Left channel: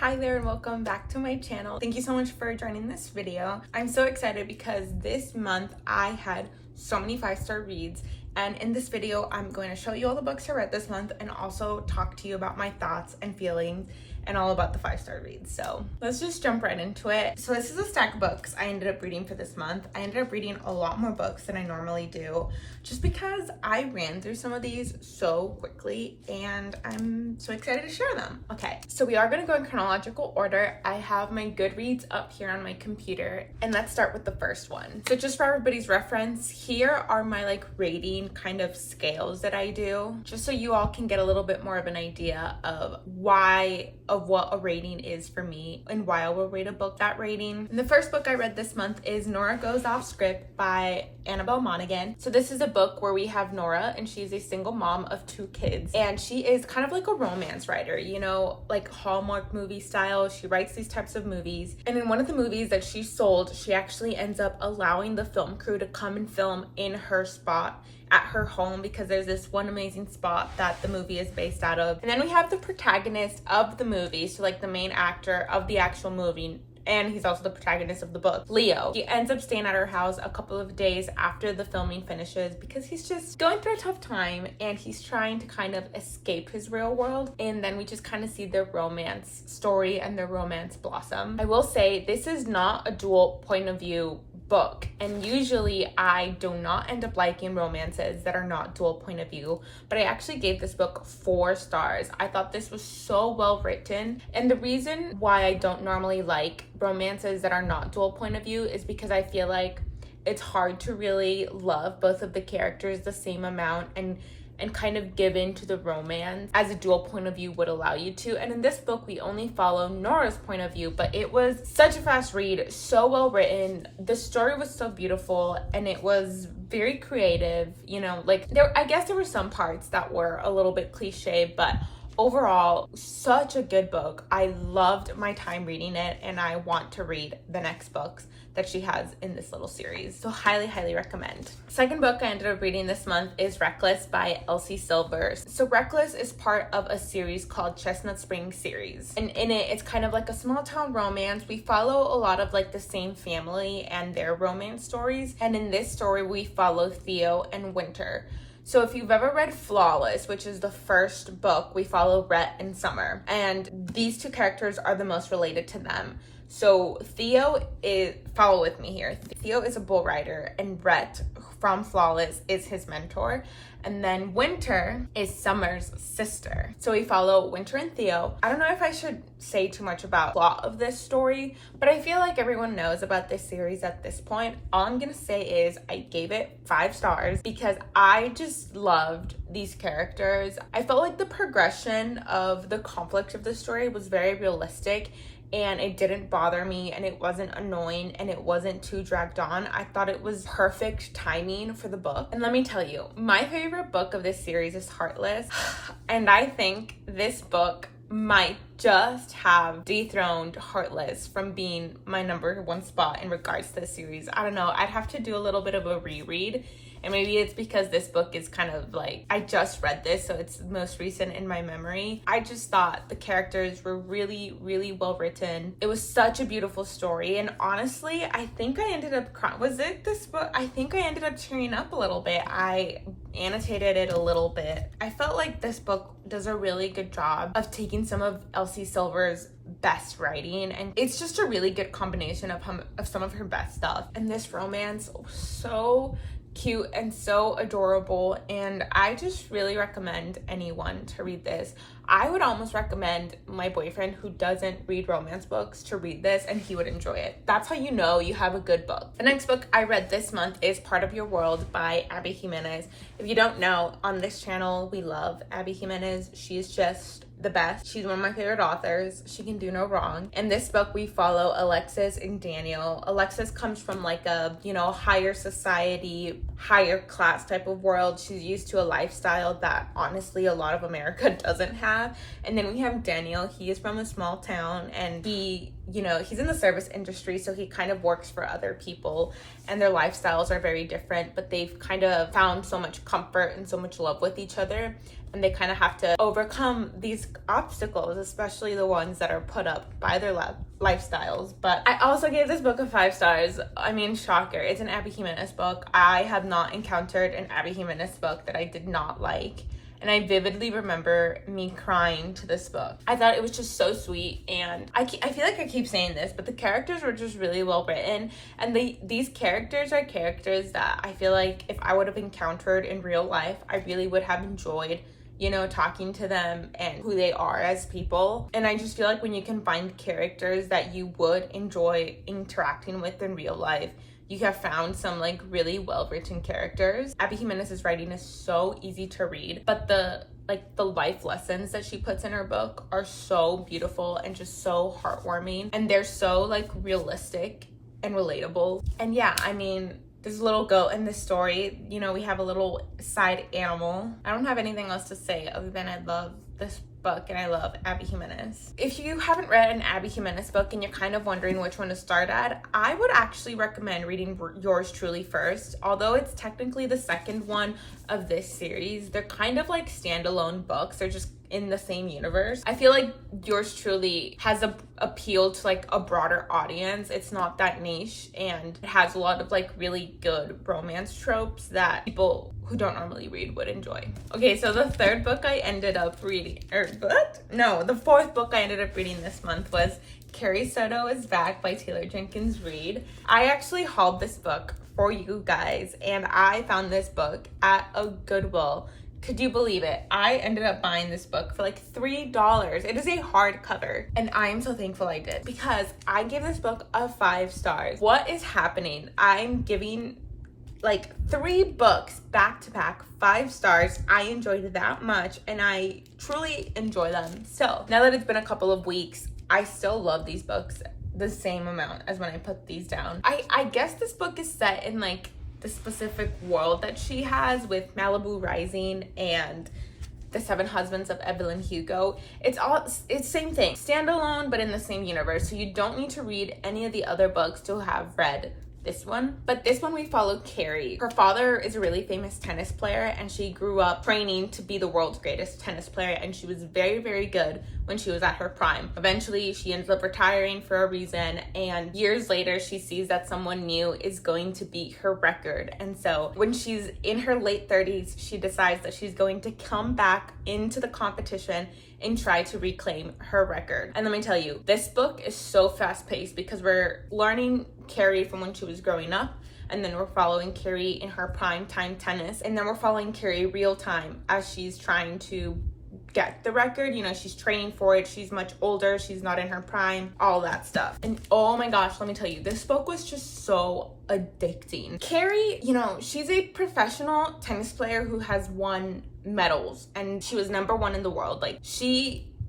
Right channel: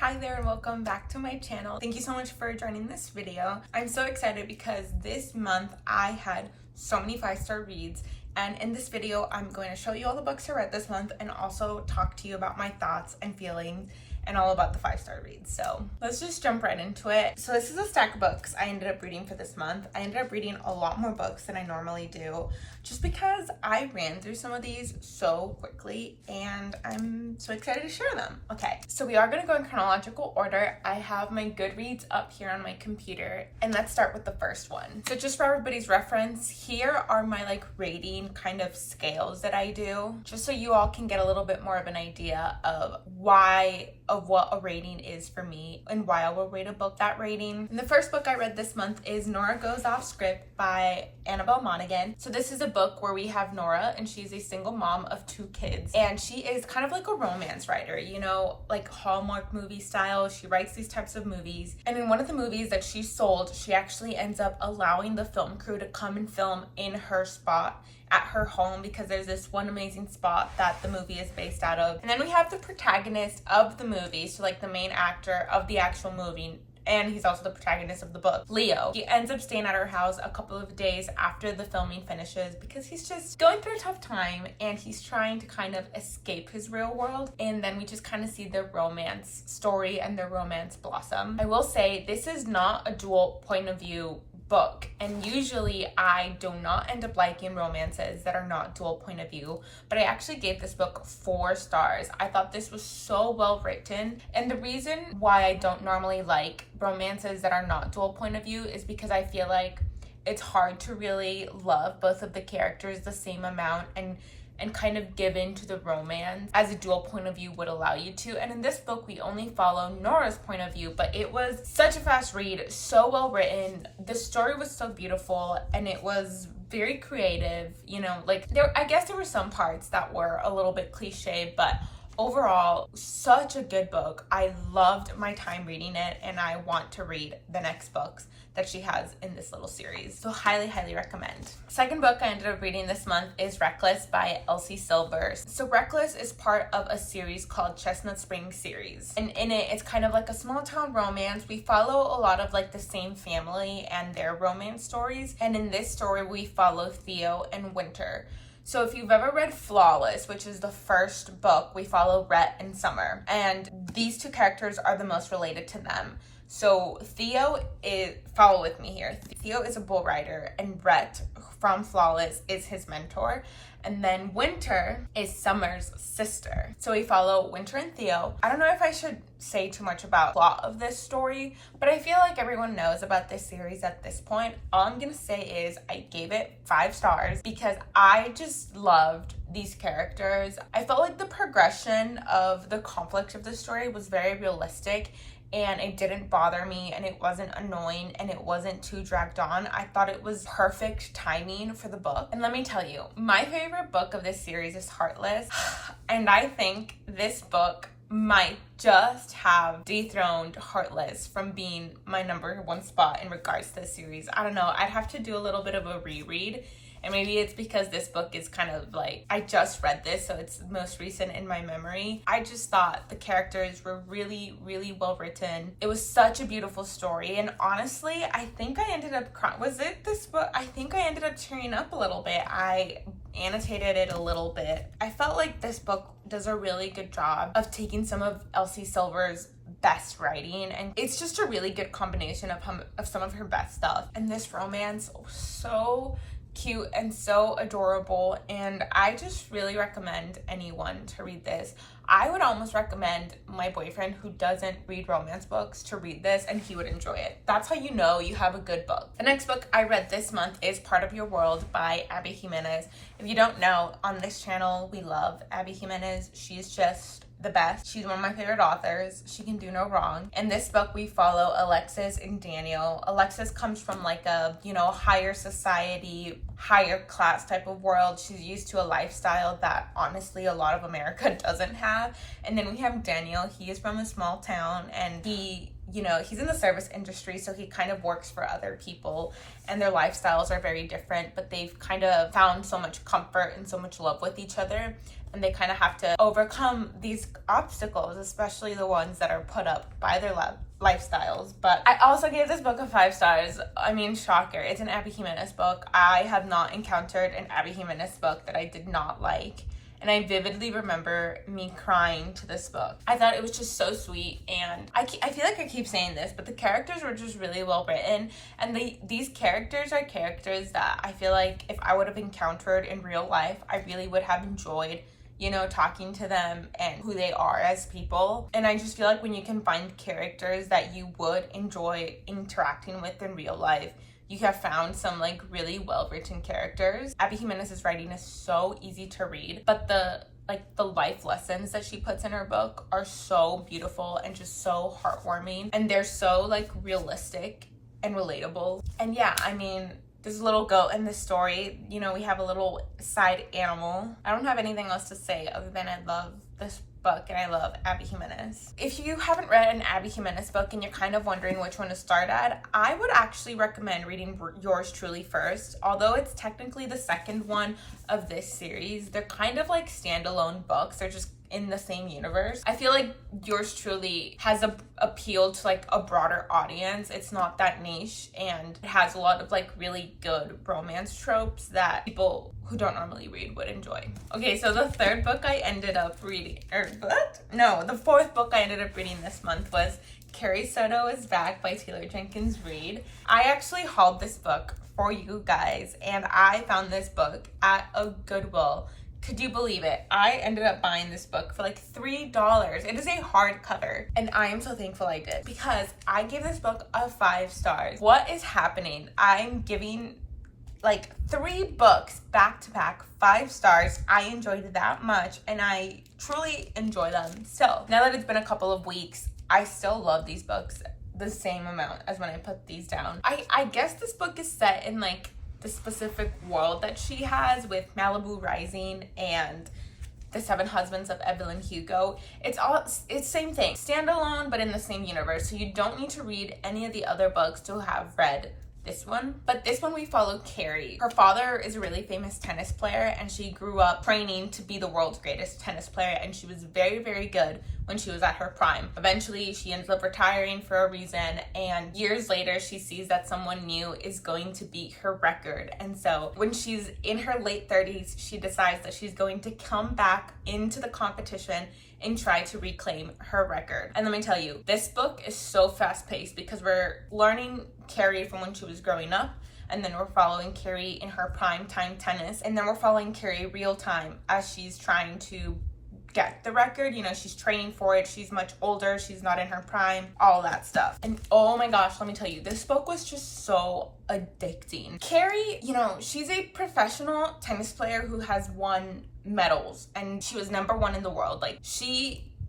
Hi there and welcome back to my channel. Thank you so much for joining this video. I'm so excited because this month I had so many 5-star reads, and in this video I'm going to show you all the books I read this month and also talk to you about my thoughts and feelings and all about the 5-star reads. So let's just jump right into it. So this is a stack of books I ended up reading for this month. I ended up reading a lot more books than I normally do just because I ran through some of these so quickly and I'm so excited to share them. Okay, so we are going to go in chronological order. I have my Goodreads up here on my computer, and let's start with the first one. So just for everybody's reference, here are my rating kind of scales that I do, just so you all can get a little bit more of an idea of what a rating is for me and why I will rate a book that rating. And the first book I read this month is Nora Goes Off Script by Annabelle Monaghan. So this is a book where we have Nora, and she's a single mom of 2 kids, and she is kind of like a romance writer, you know, like Hallmark movie style. She writes these types of movies, and in one of the movies that she sold, she actually ends up allowing the film crew to come and film in her spot at her home because there's this one amazing spot that the movie is based out of. And then we have the protagonist of the movie, so like the main actor of the actual movie, and he's also the protagonist of the book, Leo. He ends up staying at her house a couple of days after the filming finishes because he's just going through a tough time and he's trying to kind of escape his real world. And then we just kind of see their romance story and their romance blossom. I will say this is not a dual point of view book, and usually I do not end up liking romances that are not dual point of view, but I actually gave this book 4 stars. I thought this was so well written, and the reason why I don't normally like romances that are not dual point of view is because I feel like it's hard to really love both of the characters the same amount and kind of give in to the romance as a dual point of view would allow you to. And in this book, we only follow Nora's point of view, but it was such a fast read, so well written. The story was so beautiful and it was very creative, you know, I guess there were some parts that were a little bit cliche, but overall, such a good book. I loved my time reading it, and I want to read the next books that she has in this little series. So highly, highly recommend. Second book I ended up reading this month is Reckless by Elsie Silvers. So Reckless is part of a series called Chestnut Springs series. And in it, it's kind of like a small town romance. We follow a lot of the same family and their romance stories. And in this story, we follow Theo and Winter. So if you've ever read Flawless, which is the first book, we follow Rhett and Summer, and these 2 characters are the most related to them. So follow with me here. Theo is a bull rider, and Rhett from Flawless is his mentor. And then Winter is Summer's sister. So we follow Winter and Theo. I don't know if I should say too much about the plot of this story, but I feel like everyone knows about this series at this point. All I'm gonna say is I gave it 5 stars because I just loved these characters. I felt like the progression of the conflict of the story was very realistic, and it didn't bother me, and it wasn't annoying, and it wasn't too dragged on. I thought it was perfect timing for the book. And let me tell you, my favorite book of this series is Heartless, and I think this book might just have dethroned Heartless from being my number 1 spot in regards to the series. I don't know, I'd have to do a little bit of a reread. And maybe it's because this book is kind of I just read this, so it's most recent in my memory. I just thought the characters were really, really well written. It was such a beautiful story. And honestly, I think I ended up this book? I think I ended up tearing up a little bit. I annotated it a little bit. I felt like this book does a really good job of taking some of Elsie Silver's best writing, and it's just a really good combination of some of her best stuff. And this romance was so cute and so adorable, and I just really recommend anyone to read this. I would almost recommend my boyfriend, who doesn't read romance books, to read this, and he would enjoy it. That's how you know you have a good book. The next book I read this month is Part of Your World by Abby Jimenez. If you don't know, on this channel we love Abby Jimenez. She's just the best. She's one of my favorite authors. She can do no wrong. In this book, we follow Alexis and Daniel. Alexis comes from a, higher society, higher class type of world. She's used to a lifestyle that honestly a lot of America doesn't have. And then we have Daniel. He is from a small town, and he's in the service industry, so he kind of works for other people, and their lifestyles are very different, but they've kind of found so much comfort and so much love with each other and they kind of have to overcome these obstacles, especially the ones that are put up by their lifestyles. But I also gave this book a 5 stars. I mean, shocker, it's an Abby Jimenez book. I have not encountered an Abby Jimenez book that I did not like. And I vividly remember me crying to this book. I thought it was just so sweet, and I feel like I keep saying this, but the characters were just really well written, and these characters are characters that I feel like if I would have encountered in real life, I really would have enjoyed, you know, talking to them and who they are as people. And I just feel like when you can find characters that you would enjoy interacting with in real life, you have found some like really well-written characters. Abby Jimenez's writing is so easy to read, but the life lessons that she puts in her book are so beautiful and just so heartwarming, and they're so like realistic and relatable. And yeah, I mean, there's a little goat in this story. You know, we have a little side animal. I don't have anything else to say other than I love this book and I love Abby Jimenez. If you haven't read an Abby Jimenez book and you're kind of wondering which one to start at, I would actually recommend reading Yours Truly first. Although it's technically the second one of this series, they're kind of like standalone books. They're just in the same universe. I feel like Yours Truly has a appeal to like a broader audience. It's not that niche, and it has a lot of like really good romance tropes that people who don't normally read would enjoy. Okay, so the third book I ended up reading, the fourth book I ended up reading this month was Carrie Soto is Back by Taylor Jenkins Reid. I actually hauled this book for you guys, and I found this book at a Goodwill. Could you believe it? I ended up buying this book for like $3. It is a hardcover, and I am so thankful I did because I gave this book a 5 stars. What is happening? I'm giving like 3 books back to back 5 stars. I enjoyed it that much, and I truly enjoy them. So now that it's been a couple of weeks, I still love these books the same amount as when I put these down. I guess this book is set in like the specific world that she has with Malibu Rising and The 7 Husbands of Evelyn Hugo. It's same thing, standalone, but in the same universe. So you don't need to read any of the other books to have read this one. But this one we follow Carrie. Her father is a really famous tennis player, and she grew up training to be the world's greatest tennis player, and she was very, very good when she was at her prime. Eventually, she ends up retiring for a reason, and years later, she sees that someone new is going to beat her record. And so when she's in her late 30s, she decides that she's going to come back into the competition and try to reclaim her record. And let me tell you, this book is so fast-paced because we're learning Carrie from when she was growing up, and then we're following Carrie in her prime time tennis, and then we're following Carrie real time as she's trying to get the record. You know, she's training for it. She's much older. She's not in her prime, all that stuff. And oh my gosh, let me tell you, this book was just so addicting. Carrie, you know, she's a professional tennis player who has won medals, and she was #1 in the world. Like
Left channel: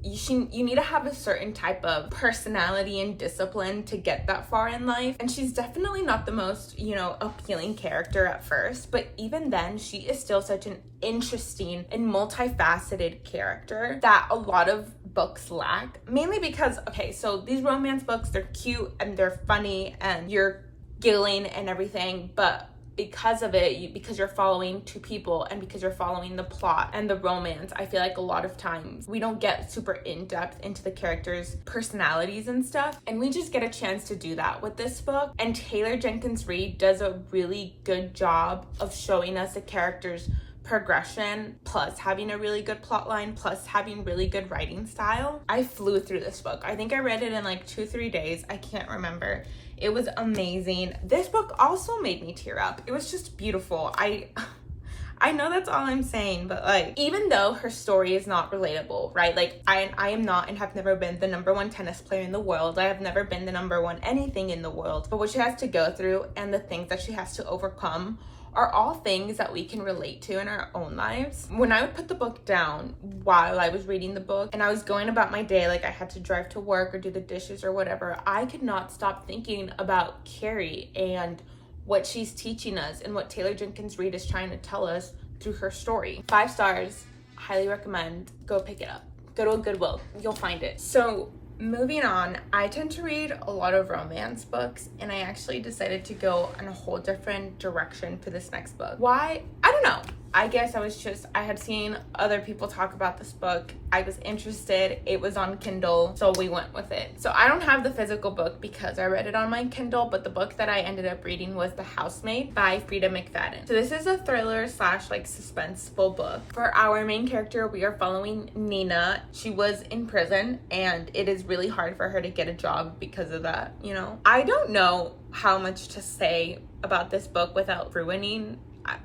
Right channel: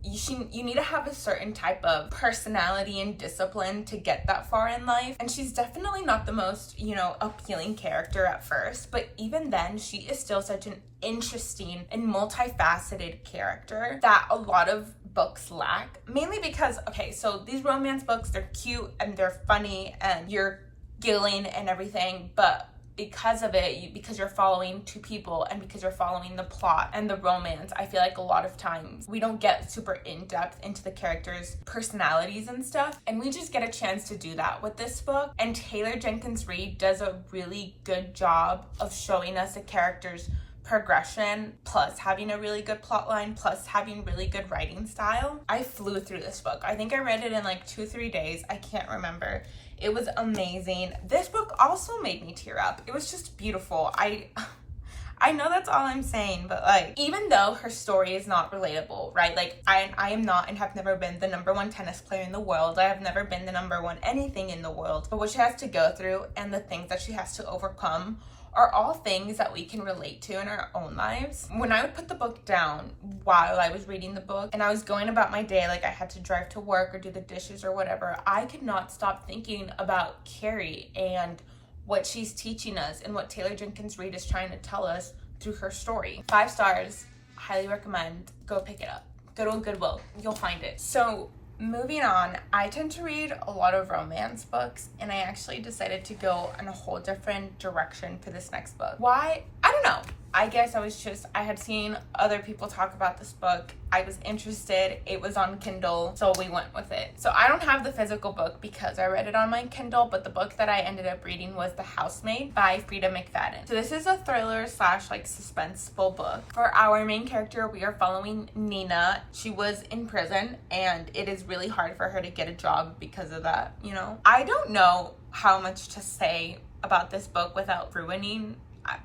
you need to have a certain type of personality and discipline to get that far in life. And she's definitely not the most, you know, appealing character at first, but even then, she is still such an interesting and multifaceted character that a lot of books lack. Mainly because, okay, so these romance books, they're cute and they're funny and you're giggling and everything, but because of it, because you're following 2 people and because you're following the plot and the romance, I feel like a lot of times we don't get super in-depth into the characters' personalities and stuff, and we just get a chance to do that with this book. And Taylor Jenkins Reid does a really good job of showing us the characters' progression, plus having a really good plot line, plus having really good writing style. I flew through this book. I think I read it in like 2-3 days. I can't remember. It was amazing. This book also made me tear up. It was just beautiful. I know that's all I'm saying, but like, even though her story is not relatable, right? Like I am not and have never been the #1 tennis player in the world. I have never been the #1 anything in the world. But what she has to go through and the things that she has to overcome are all things that we can relate to in our own lives. When I would put the book down while I was reading the book and I was going about my day, like I had to drive to work or do the dishes or whatever, I could not stop thinking about Carrie and what she's teaching us and what Taylor Jenkins Reid is trying to tell us through her story. 5 stars, highly recommend. Go pick it up. Go to a Goodwill, you'll find it. So moving on, I tend to read a lot of romance books, and I actually decided to go in a whole different direction for this next book. Why? I don't know. I guess I had seen other people talk about this book. I was interested. It was on Kindle, so we went with it. So I don't have the physical book because I read it on my Kindle, but the book that I ended up reading was The Housemaid by Frida McFadden. So this is a thriller slash like suspenseful book. For our main character, we are following Nina. She was in prison and it is really hard for her to get a job because of that, you know? I don't know how much to say about this book without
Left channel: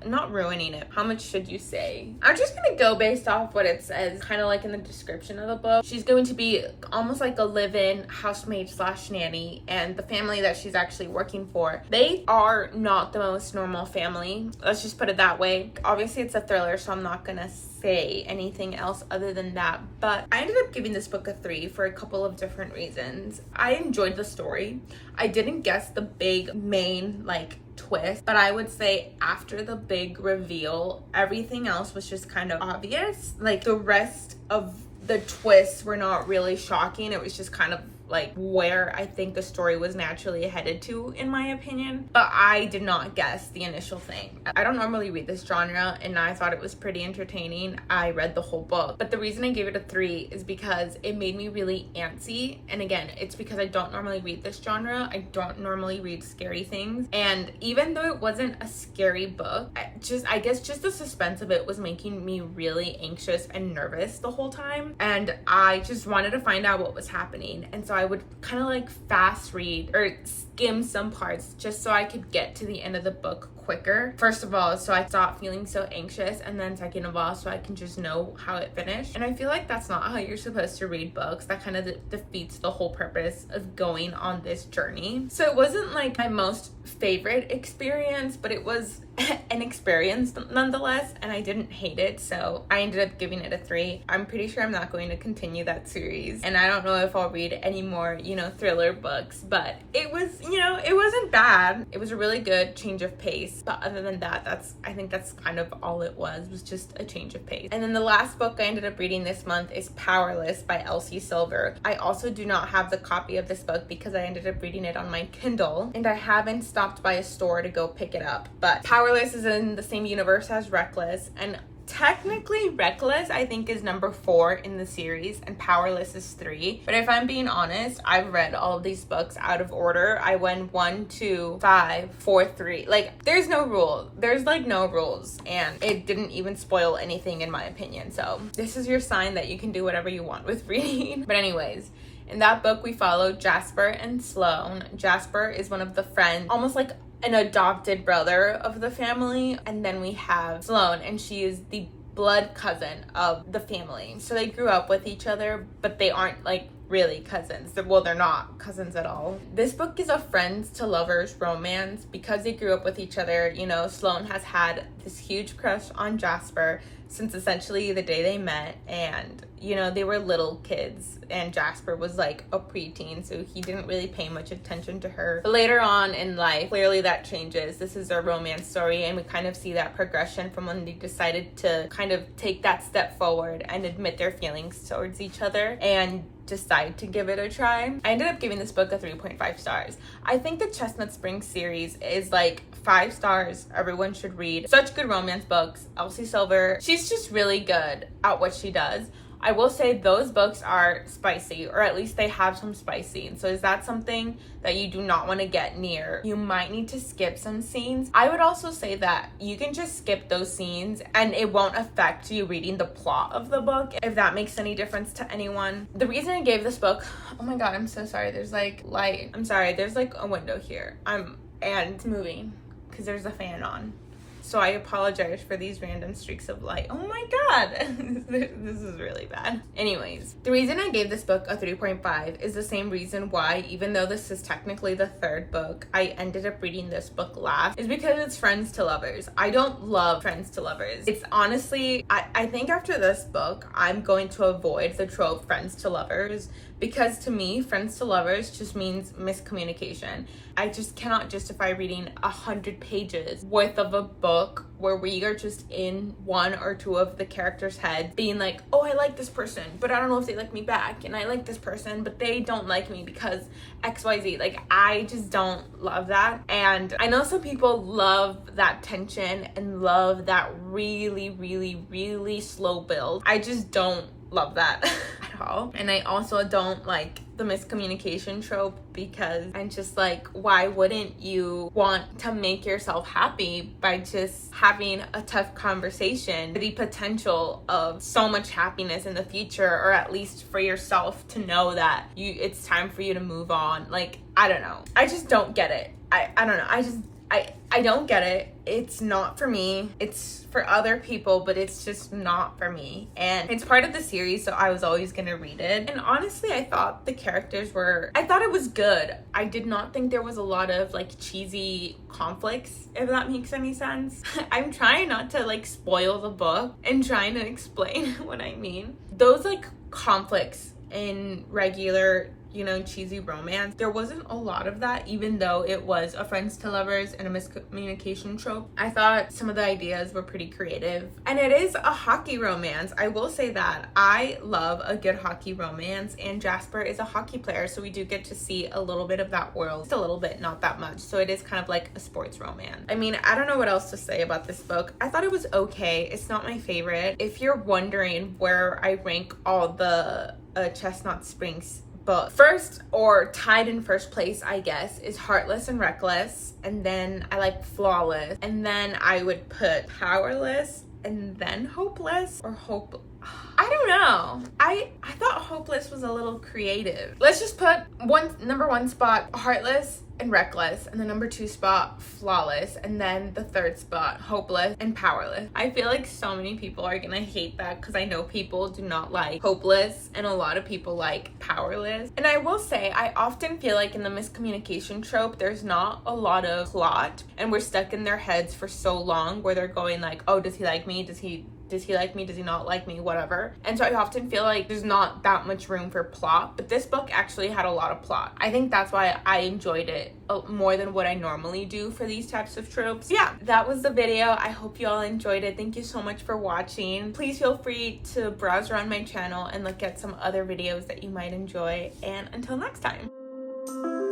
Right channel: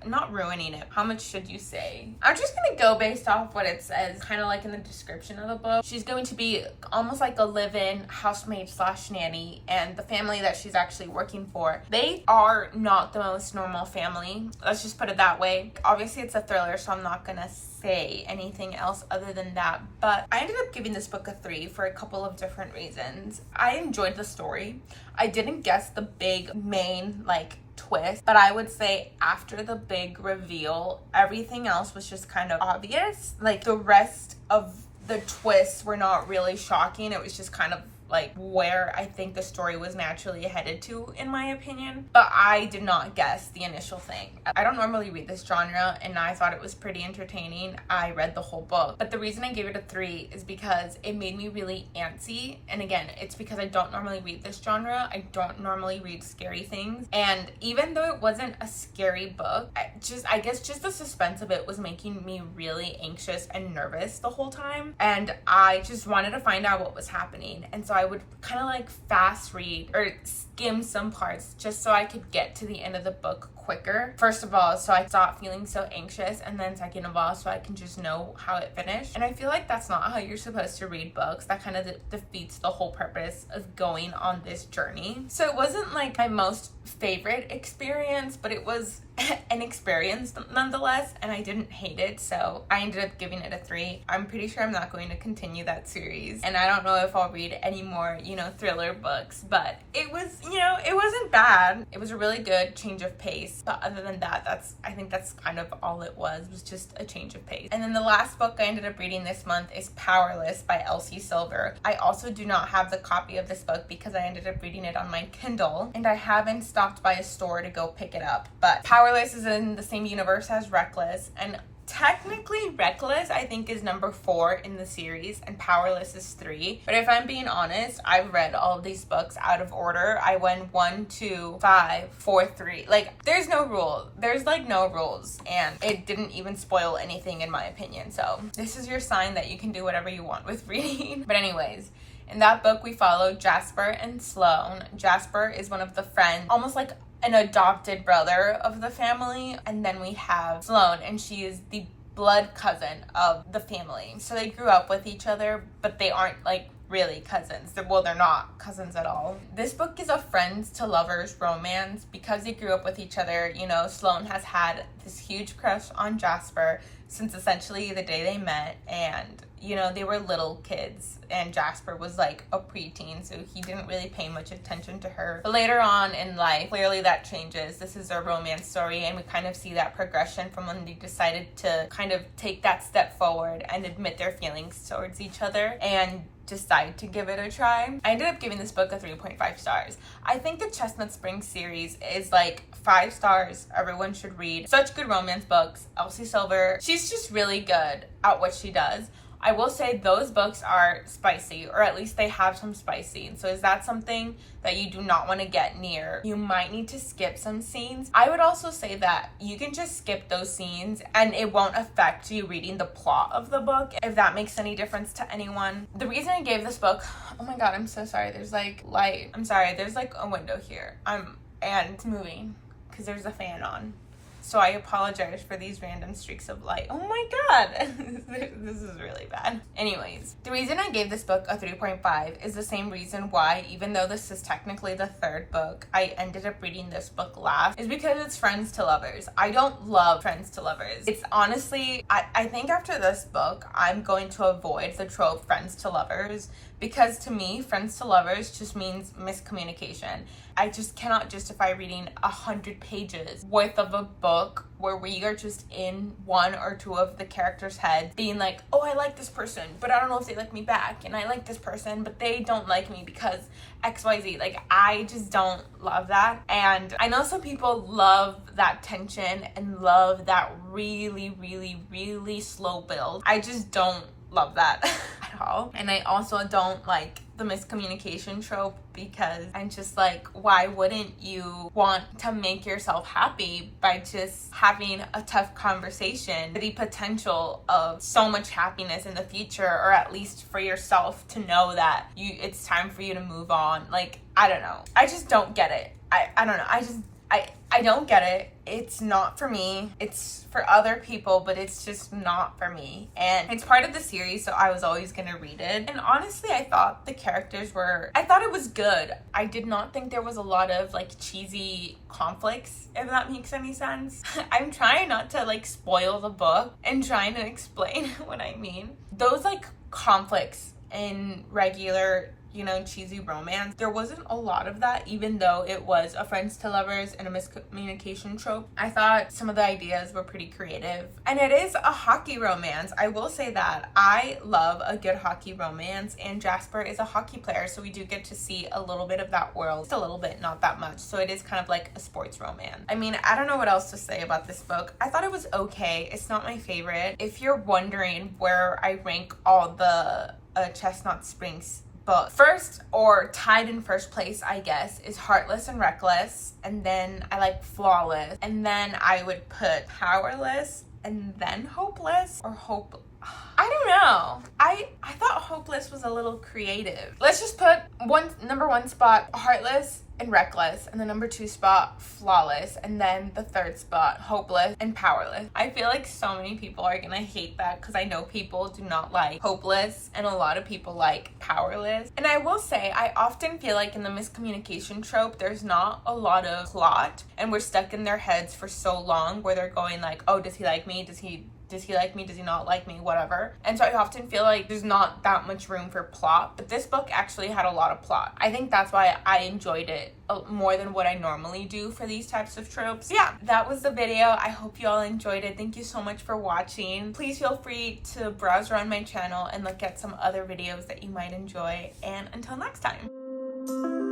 not ruining it. How much should you say? I'm just gonna go based off what it says, kind of like in the description of the book. She's going to be almost like a live-in housemaid slash nanny, and the family that she's actually working for, they are not the most normal family. Let's just put it that way. Obviously it's a thriller, so I'm not gonna say anything else other than that, but I ended up giving this book a 3 for a couple of different reasons. I enjoyed the story. I didn't guess the big main like twist, but I would say after the big reveal, everything else was just kind of obvious. Like the rest of the twists were not really shocking. It was just kind of like where I think the story was naturally headed to, in my opinion. But I did not guess the initial thing. I don't normally read this genre, and I thought it was pretty entertaining. I read the whole book, but the reason I gave it a 3 is because it made me really antsy. And again, it's because I don't normally read this genre. I don't normally read scary things, and even though it wasn't a scary book, I guess just the suspense of it was making me really anxious and nervous the whole time, and I just wanted to find out what was happening. And so I would kind of like fast read or skim some parts just so I could get to the end of the book quicker. First of all, so I stopped feeling so anxious, and then second of all, so I can just know how it finished. And I feel like that's not how you're supposed to read books. That kind of defeats the whole purpose of going on this journey. So it wasn't like my most favorite experience, but it was an experience nonetheless, and I didn't hate it, so I ended up giving it a 3. I'm pretty sure I'm not going to continue that series, and I don't know if I'll read any more, you know, thriller books, but it was, you know, it wasn't bad. It was a really good change of pace, but other than that, I think that's kind of all it was just a change of pace. And then the last book I ended up reading this month is Powerless by Elsie Silver. I also do not have the copy of this book because I ended up reading it on my Kindle, and I haven't stopped by a store to go pick it up. But Powerless is in the same universe as Reckless, and technically Reckless I think is number 4 in the series and Powerless is 3. But if I'm being honest, I've read all of these books out of order. I went 1, 2, 5, 4, 3. Like there's no rule. There's like no rules, and it didn't even spoil anything in my opinion. So this is your sign that you can do whatever you want with reading. But anyways, in that book we follow Jasper and Sloane. Jasper is one of the friends, almost like an adopted brother of the family, and then we have Sloane, and she is the blood cousin of the family. So they grew up with each other, but they aren't like really cousins. Well, they're not cousins at all. This book is a friends to lovers romance because they grew up with each other. You know, Sloane has had this huge crush on Jasper since essentially the day they met, and you know, they were little kids, and Jasper was like a preteen, so he didn't really pay much attention to her. But later on in life, clearly that changes. This is a romance story, and we kind of see that progression from when they decided to kind of take that step forward and admit their feelings towards each other and decide to give it a try. I ended up giving this book a 3.5 stars. I think the Chestnut Springs series is like 5 stars. Everyone should read. Such good romance books. Elsie Silver, she's just really good at what she does. I will say those books are spicy, or at least they have some spice scenes. So is that something that you do not want to get near? You might need to skip some scenes. I would also say that you can just skip those scenes and it won't affect you reading the plot of the book, if that makes any difference to anyone. The reason I gave this book, oh my god, I'm so sorry. There's like light. I'm sorry. There's like a window here. And it's moving because there's a fan on. So I apologize for these random streaks of light. Oh my god, this is really bad. Anyways, the reason I gave this book a 3.5 is the same reason why, even though this is technically the 3rd book, I ended up reading this book last, is because it's Friends to Lovers. I don't love Friends to Lovers. It's honestly, I think after this book, I'm going to avoid the trope Friends to Lovers, because to me, Friends to Lovers just means miscommunication. I just cannot justify reading 100 pages worth of a book book where we are just in one or two of the characters' heads being like, oh, I like this person, but I don't know if they like me back, and I like this person, but they don't like me because XYZ. Like, I just don't love that. And I know some people love that tension and love that really, really, really slow build. I just don't love that at all. And I also don't like the miscommunication trope, because I'm just like, why wouldn't you want to make yourself happy by just having a tough conversation, the potential of so much happiness in the future, or at least for yourself to know that it's time for you to move on. Like, I don't know, I just don't get it. I don't know, I don't get it. It's not for me. It's for other people, but it's just not for me. And it's part of the series, so I was always gonna read it. And honestly, I thought it was good. I did not think there was a lot of like cheesy conflicts, if that makes any sense. I'm trying not to like spoil the book and trying to explain what I mean. Those like conflicts in regular, you know, cheesy romance, there wasn't a lot of that, even though it was a friends to lovers and a miscommunication trope. I thought some of the ideas were pretty creative. And it is a hockey romance. I will say that I love a good hockey romance, and Jasper is a hockey player, so we do get to see a little bit of that world. Just a little bit, not that much. So it is kind of like a sports romance. I mean, I don't know what else to say about this book. I thought it was okay. It's not my favorite. If you're wondering where I rank all the Chestnut Springs book, first, or tied in first place, I guess, is Heartless and Reckless, and then I like Flawless, and then I would put Powerless, and then Hopeless, or Hope. I don't know. I thought Hopeless was a little creative. Let's just put number one spot Heartless and Reckless, and the number 2 spot Flawless, and then the 3rd spot Hopeless and Powerless. I feel like so many people are gonna hate that, because I know people do not like Hopeless and a lot of people like Powerless. And I will say, I often feel like in the miscommunication trope, there's not a lot of plot, and we're stuck in their heads for so long where they're going like, oh, does he like me? Does he like me? Does he not like me? Whatever. And so I often feel like there's not that much room for plot, but this book actually had a lot of plot. I think that's why I enjoyed it more than what I normally do for these types of tropes. Yeah, that was the video. I hope you all enjoyed it. Thank you so much for watching. Please feel free to browse around my channel and look at some other videos that you might enjoy. And until next time.